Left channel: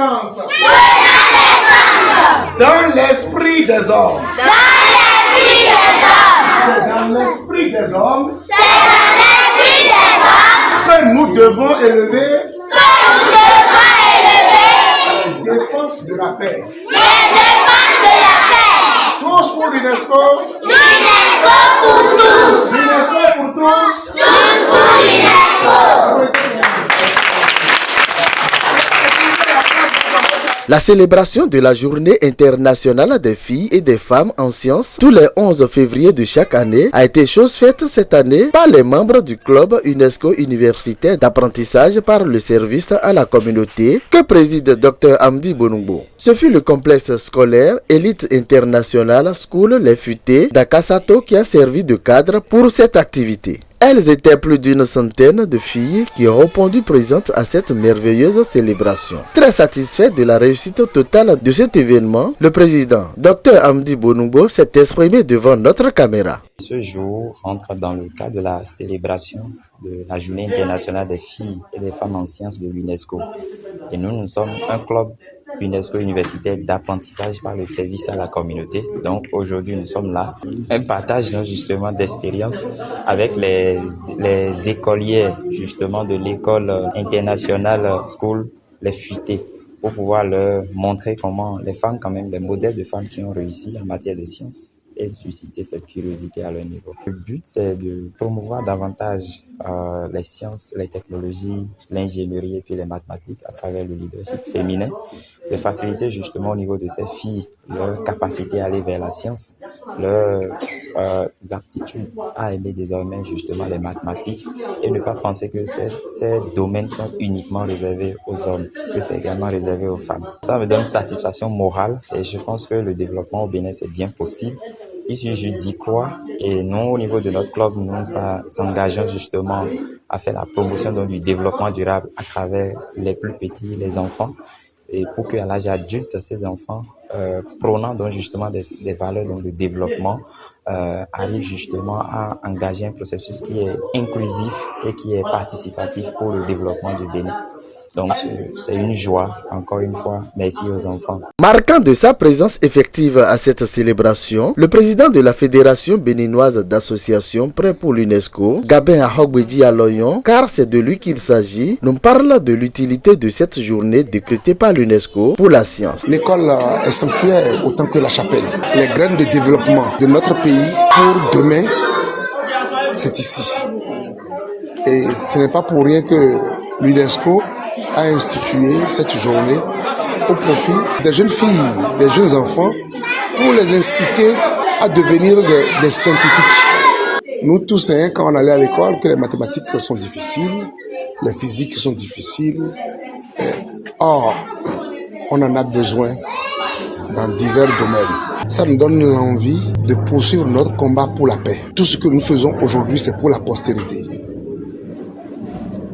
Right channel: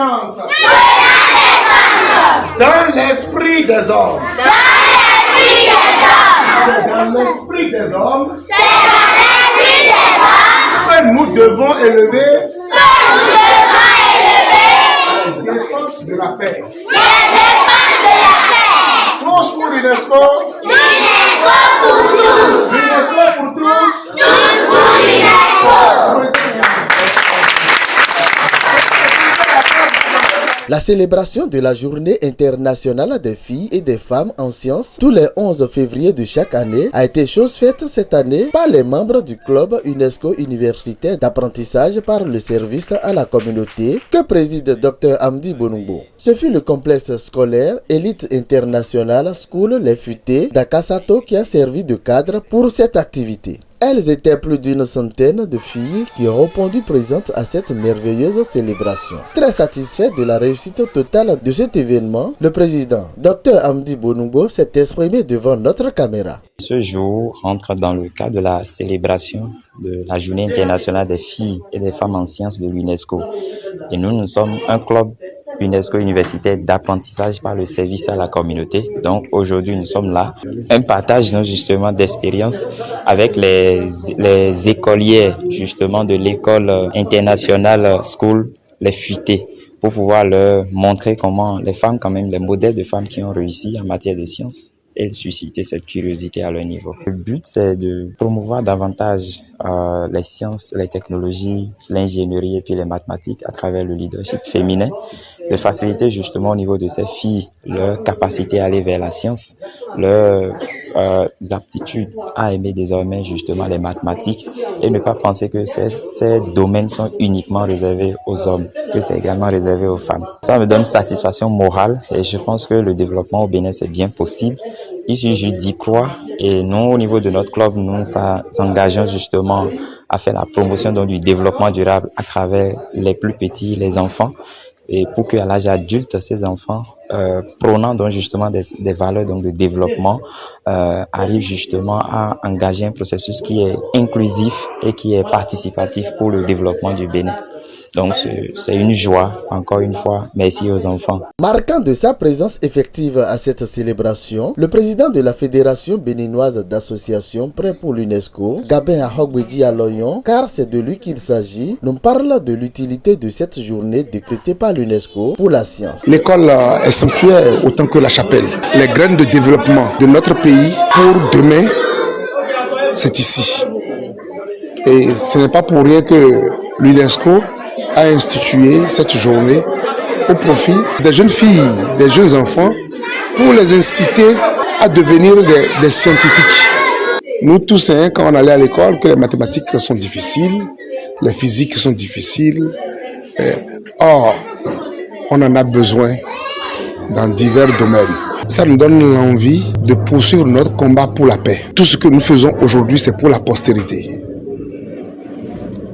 naissance dans l'esprit des hommes. C'est dans l'esprit des hommes que nous devons élever la défense de la paix. Tous pour l'UNESCO. L'UNESCO pour tous. L'UNESCO pour tous. Tous pour l'UNESCO. La célébration de la Journée internationale des filles et des femmes en sciences tous les 11 février de chaque année a été chose faite cette année par les membres du club UNESCO universitaire d'apprentissage par le service à la communauté que préside Dr Amdi Bonumbo. Ce fut le complexe scolaire Elite International School Les Futées d'Akasato qui a servi de cadre pour cette activité. Elles étaient plus d'une centaine de filles qui ont répondu présentes à cette merveilleuse célébration. Très satisfait de la réussite totale de cet événement, le président Dr Amdi Bonumbo s'est exprimé devant notre caméra. Ce jour entre dans le cadre de la célébration de la Journée internationale des filles et des femmes en sciences de l'UNESCO. Et nous sommes un club UNESCO universitaire d'apprentissage par le service à la communauté. Donc aujourd'hui, nous sommes là. Un partage justement d'expérience avec les écolières justement de l'école internationale School Les Futées pour pouvoir leur montrer comment les femmes, quand même, les modèles de femmes qui ont réussi en matière de sciences et susciter cette curiosité à leur niveau. Le but, c'est de promouvoir davantage les sciences, les technologies, l'ingénierie et puis les mathématiques à travers le leadership féminin, de faciliter justement au niveau de ces filles leur capacité à aller vers la science, leurs aptitudes à aimer désormais justement les mathématiques et ne pas penser que ces domaines sont uniquement réservés aux hommes, que c'est également réservé aux femmes. Ça me donne satisfaction morale et je pense que le développement au Bénin c'est bien possible. Il suffit juste d'y croire et nous au niveau de notre club, nous s'engageons justement à faire la promotion donc, du développement durable à travers les plus petits, les enfants, et pour qu'à l'âge adulte, ces enfants, prônant donc justement des valeurs donc, de développement, arrivent justement à engager un processus qui est inclusif et qui est participatif pour le développement du Bénin. Donc c'est une joie, encore une fois, merci aux enfants. Marquant de sa présence effective à cette célébration, le président de la Fédération béninoise d'associations Prêt pour l'UNESCO, Gabin Ahogbeji Aloyon, car c'est de lui qu'il s'agit, nous parle de l'utilité de cette journée décrétée par l'UNESCO pour la science. L'école est sanctuaire autant que la chapelle. Les graines de développement de notre pays pour demain, c'est ici. Et ce n'est pas pour rien que l'UNESCO a institué cette journée au profit des jeunes filles, des jeunes enfants, pour les inciter à devenir des scientifiques. Nous tous, quand on allait à l'école, que les mathématiques sont difficiles, les physiques sont difficiles. Or, on en a besoin dans divers domaines. Ça nous donne l'envie de poursuivre notre combat pour la paix. Tout ce que nous faisons aujourd'hui, c'est pour la postérité.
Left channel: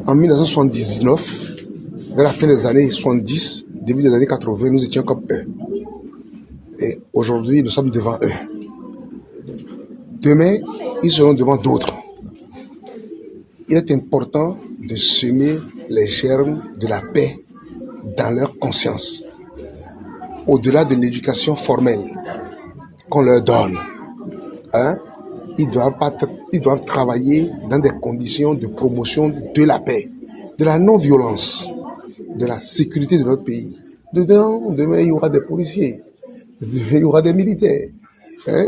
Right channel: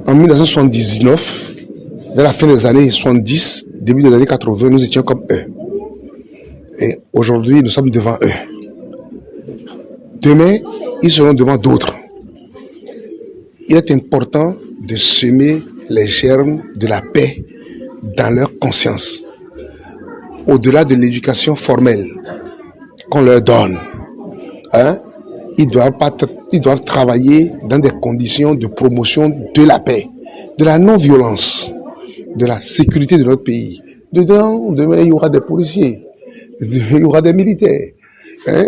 En 1979, vers la fin des années 70, début des années 80, nous étions comme eux. Et aujourd'hui, nous sommes devant eux. Demain, ils seront devant d'autres. Il est important de semer les germes de la paix dans leur conscience, au-delà de l'éducation formelle qu'on leur donne. Ils doivent travailler dans des conditions de promotion de la paix, de la non-violence, de la sécurité de notre pays. Demain, il y aura des policiers, il y aura des militaires,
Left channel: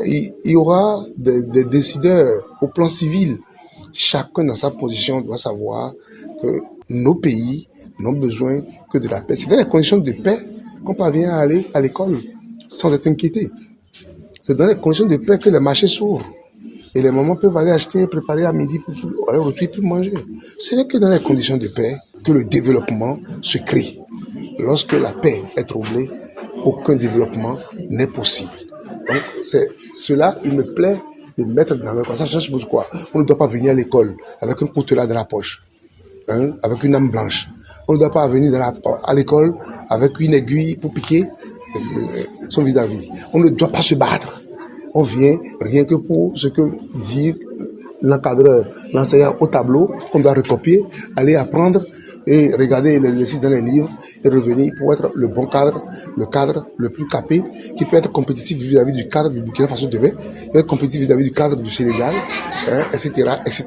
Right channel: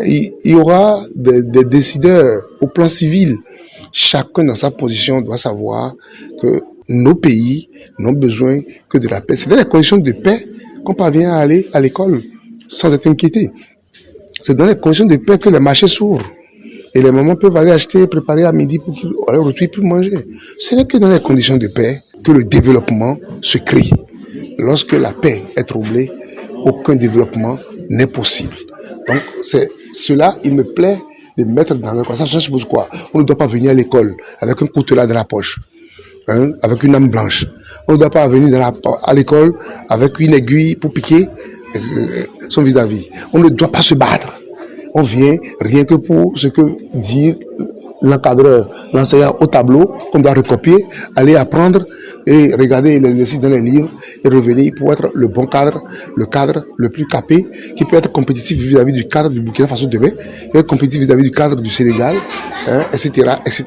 il y aura des décideurs au plan civil. Chacun dans sa position doit savoir que nos pays n'ont besoin que de la paix. C'est dans les conditions de paix qu'on parvient à aller à l'école sans être inquiété. C'est dans les conditions de paix que les marchés s'ouvrent. Et les mamans peuvent aller acheter, préparer à midi pour qu'ils puissent manger. Ce n'est que dans les conditions de paix que le développement se crée. Lorsque la paix est troublée, aucun développement n'est possible. Donc, c'est cela, il me plaît de mettre dans leur conscience. Je suppose quoi? On ne doit pas venir à l'école avec un coutelas dans la poche, avec une âme blanche. On ne doit pas venir à l'école avec une aiguille pour piquer son vis-à-vis. On ne doit pas se battre. On vient rien que pour ce que dit l'encadreur, l'enseignant au tableau, qu'on doit recopier, aller apprendre et regarder les exercices dans les livres et revenir pour être le bon cadre, le cadre le plus capé, qui peut être compétitif vis-à-vis du cadre du Burkina Faso demain, qui peut être compétitif vis-à-vis du cadre du Sénégal, etc., etc.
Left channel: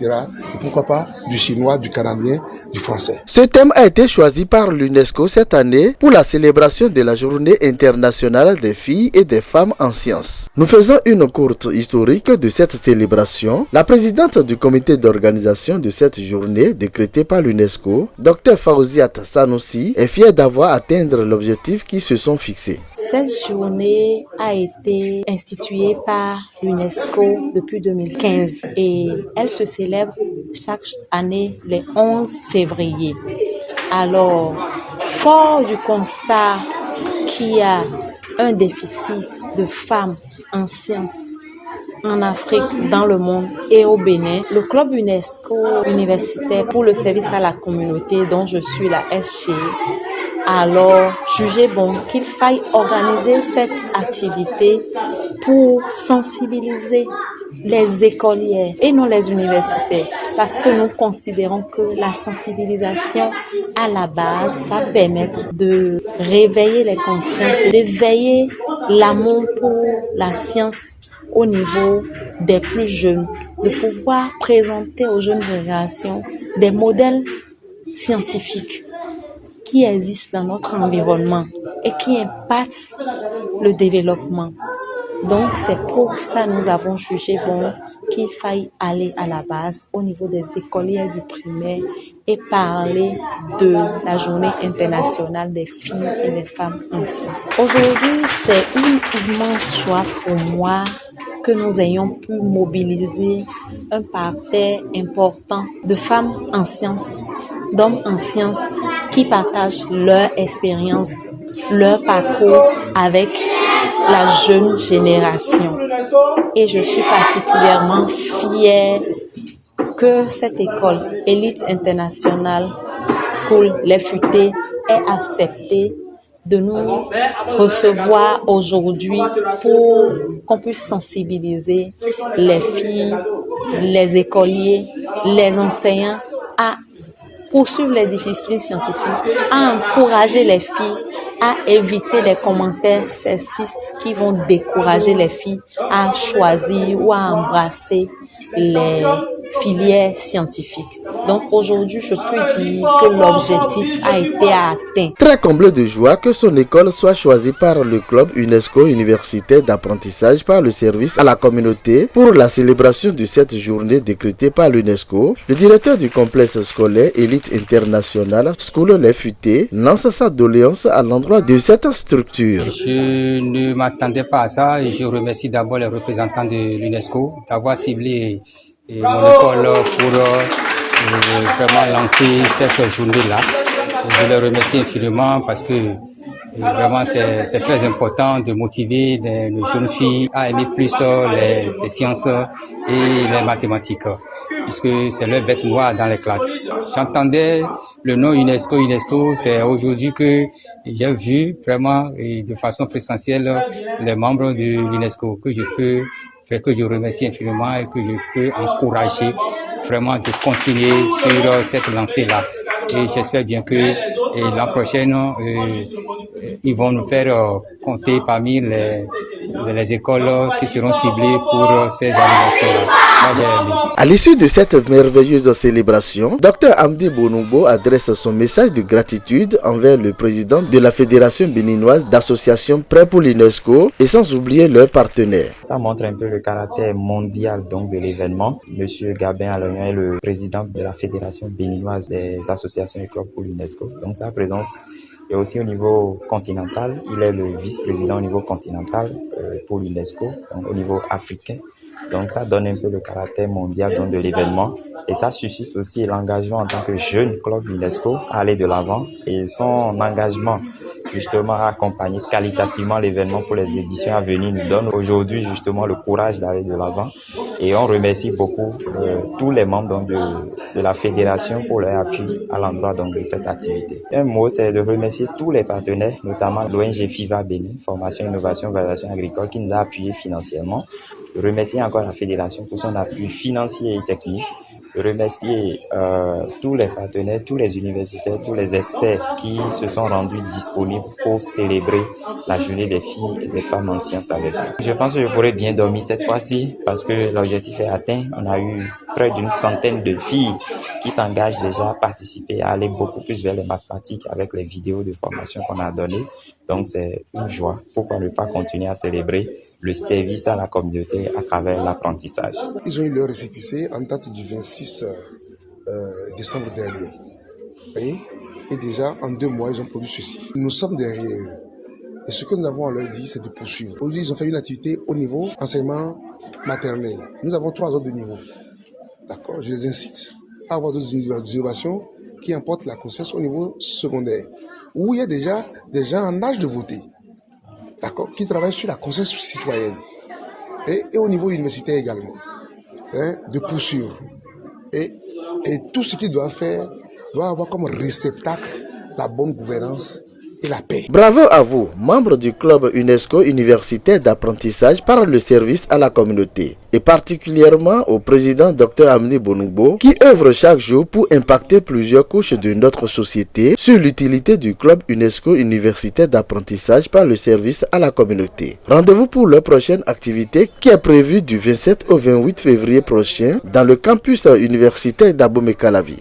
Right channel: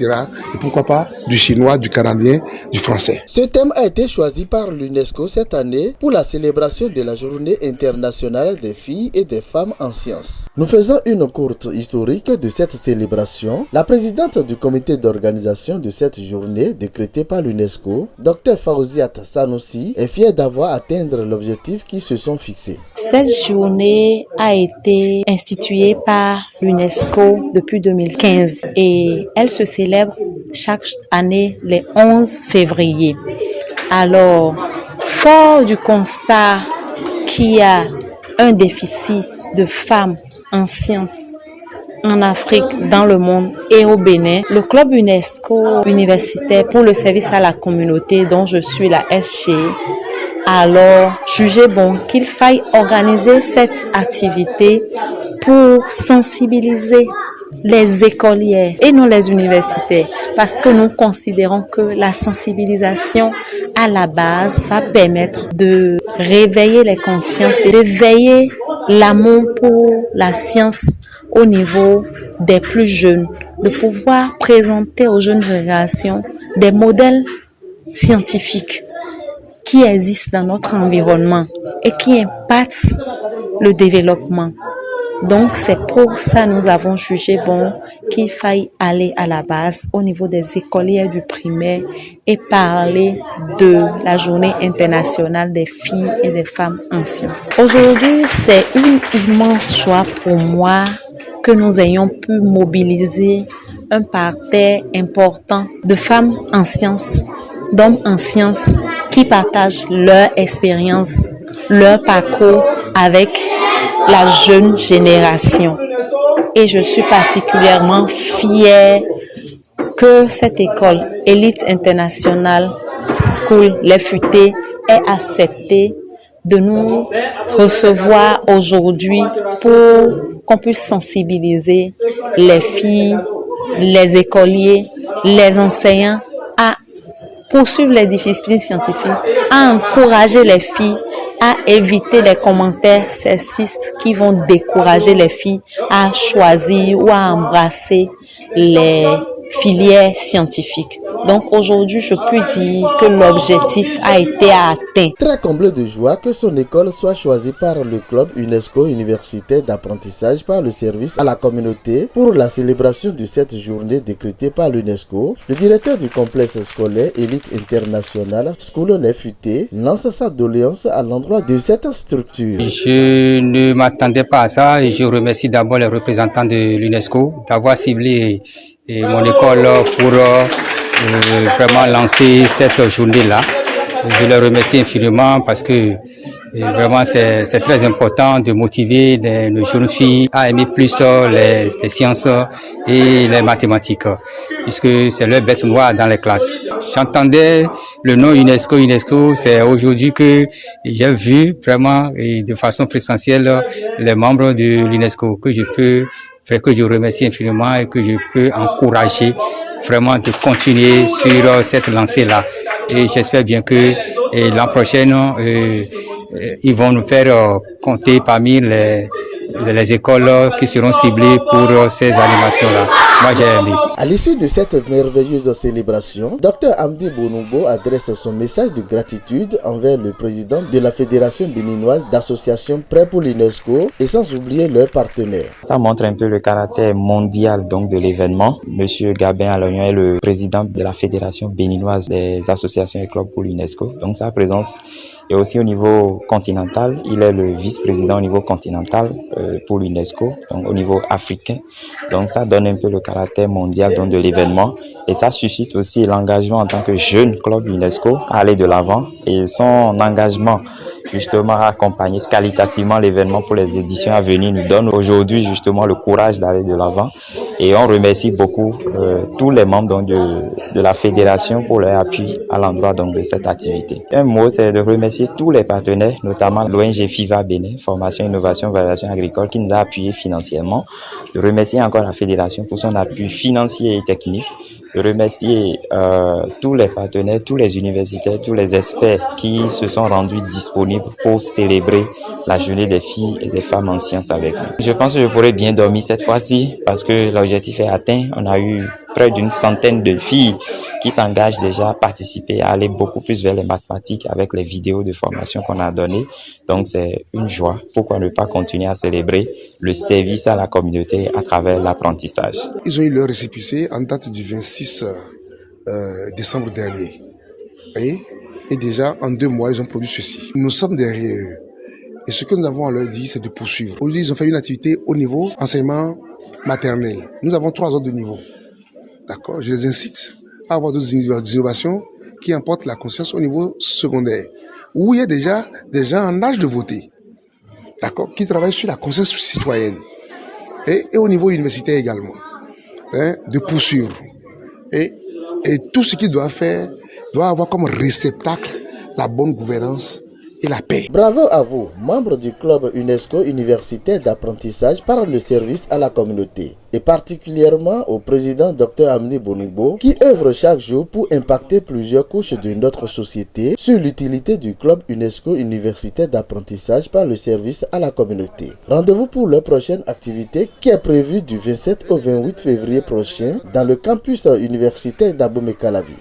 Et pourquoi pas du chinois, du canadien, du français. Ce thème a été choisi par l'UNESCO cette année pour la célébration de la Journée internationale des filles et des femmes en sciences. Nous faisons une courte historique de cette célébration. La présidente du comité d'organisation de cette journée décrétée par l'UNESCO, Dr Fawziat Sanoussi, est fière d'avoir atteint l'objectif qu'ils se sont fixés. Cette journée a été instituée par l'UNESCO depuis 2015 et elle se célèbre chaque année les 11 février. Alors, fort du constat qu'il y a un déficit de femmes en sciences en Afrique, dans le monde et au Bénin, le club UNESCO universitaire pour le service à la communauté dont je suis la SG, alors jugé bon qu'il faille organiser cette activité pour sensibiliser les écolières et non les universitaires, parce que nous considérons que la sensibilisation à la base va permettre de réveiller les consciences, d'éveiller l'amour pour la science au niveau des plus jeunes, de pouvoir présenter aux jeunes générations des modèles scientifiques qui existent dans notre environnement et qui impactent le développement. Donc c'est pour ça que nous avons jugé bon qu'il faille aller à la base au niveau des écolières du primaire et parler de la Journée internationale des filles et des femmes en sciences. Aujourd'hui, c'est une immense joie pour moi que nous ayons pu mobiliser un parterre important de femmes en sciences, d'hommes en sciences qui partagent leur expérience, leur parcours avec la jeune génération. Et je suis particulièrement fière que cette école Elite International School Les Futées ait accepté de nous recevoir aujourd'hui pour qu'on puisse sensibiliser les filles, les écoliers, les enseignants à poursuivre les disciplines scientifiques, à encourager les filles, à éviter les commentaires sexistes qui vont décourager les filles à choisir ou à embrasser les filières scientifiques. Donc aujourd'hui, je peux dire que l'objectif a été atteint. Très comblé de joie que son école soit choisie par le club UNESCO universitaire d'apprentissage par le service à la communauté pour la célébration de cette journée décrétée par l'UNESCO, le directeur du complexe scolaire Elite International School Les Futées lance sa doléance à l'endroit de cette structure. Je ne m'attendais pas à ça et je remercie d'abord les représentants de l'UNESCO d'avoir ciblé mon école pour vraiment lancer cette journée-là. Je les remercie infiniment parce que vraiment c'est très important de motiver nos jeunes filles à aimer plus les sciences et les mathématiques, puisque c'est leur bête noire dans les classes. J'entendais le nom UNESCO, c'est aujourd'hui que j'ai vu vraiment et de façon présentielle les membres de l'UNESCO que je remercie infiniment et que je peux encourager vraiment de continuer sur cette lancée-là. Et j'espère bien que l'an prochain, ils vont nous faire compter parmi les écoles qui seront ciblées pour ces animations-là. Moi, j'ai aimé. À l'issue de cette merveilleuse célébration, Dr Amdi Bonobo adresse son message de gratitude envers le président de la Fédération béninoise d'associations prêts pour l'UNESCO et sans oublier leurs partenaires. Ça montre un peu le caractère mondial donc de l'événement. Monsieur Gabin Alognon est le président de la Fédération béninoise des associations et clubs pour l'UNESCO. Donc sa présence est aussi au niveau continental. Il est le vice-président au niveau continental pour l'UNESCO, donc au niveau africain. Donc ça donne un peu le caractère mondial donc, de l'événement et ça suscite aussi l'engagement en tant que jeune club UNESCO à aller de l'avant et son engagement justement à accompagner qualitativement l'événement pour les éditions à venir nous donne aujourd'hui justement le courage d'aller de l'avant et on remercie beaucoup tous les membres donc, de la fédération pour leur appui à l'endroit donc, de cette activité. Un mot c'est de remercier tous les partenaires, notamment l'ONG FIVA Bénin, Formation, Innovation, Valorisation Agricole qui nous a appuyés financièrement, de remercier encore la fédération pour son appui financier et technique de remercier tous les partenaires, tous les universitaires, tous les experts qui se sont rendus disponibles pour célébrer la journée des filles et des femmes en sciences avec nous. Je pense que je pourrais bien dormir cette fois-ci parce que l'objectif est atteint. On a eu près d'une centaine de filles qui s'engagent déjà à participer, à aller beaucoup plus vers les mathématiques avec les vidéos de formation qu'on a données. Donc c'est une joie. Pourquoi ne pas continuer à célébrer le service à la communauté à travers l'apprentissage. Ils ont eu leur récépissé en date du 26 décembre dernier. Vous voyez? Et déjà, en 2 mois, ils ont produit ceci. Nous sommes derrière eux. Et ce que nous avons à leur dire, c'est de poursuivre. Aujourd'hui, ils ont fait une activité au niveau enseignement maternel. Nous avons 3 autres niveaux. D'accord? Je les incite à avoir d'autres innovations qui emportent la conscience au niveau secondaire, où il y a déjà des gens en âge de voter, d'accord, qui travaillent sur la conscience citoyenne. Et au niveau universitaire également, de poursuivre. Et tout ce qu'ils doivent faire doit avoir comme réceptacle la bonne gouvernance et la paix. Bravo à vous, membres du club UNESCO universitaire d'apprentissage par le service à la communauté, et particulièrement au président Dr Amni Bonoubo, qui œuvre chaque jour pour impacter plusieurs couches de notre société sur l'utilité du club UNESCO universitaire d'apprentissage par le service à la communauté. Rendez-vous pour leur prochaine activité qui est prévue du 27 au 28 février prochain dans le campus universitaire d'Abomey-Calavi.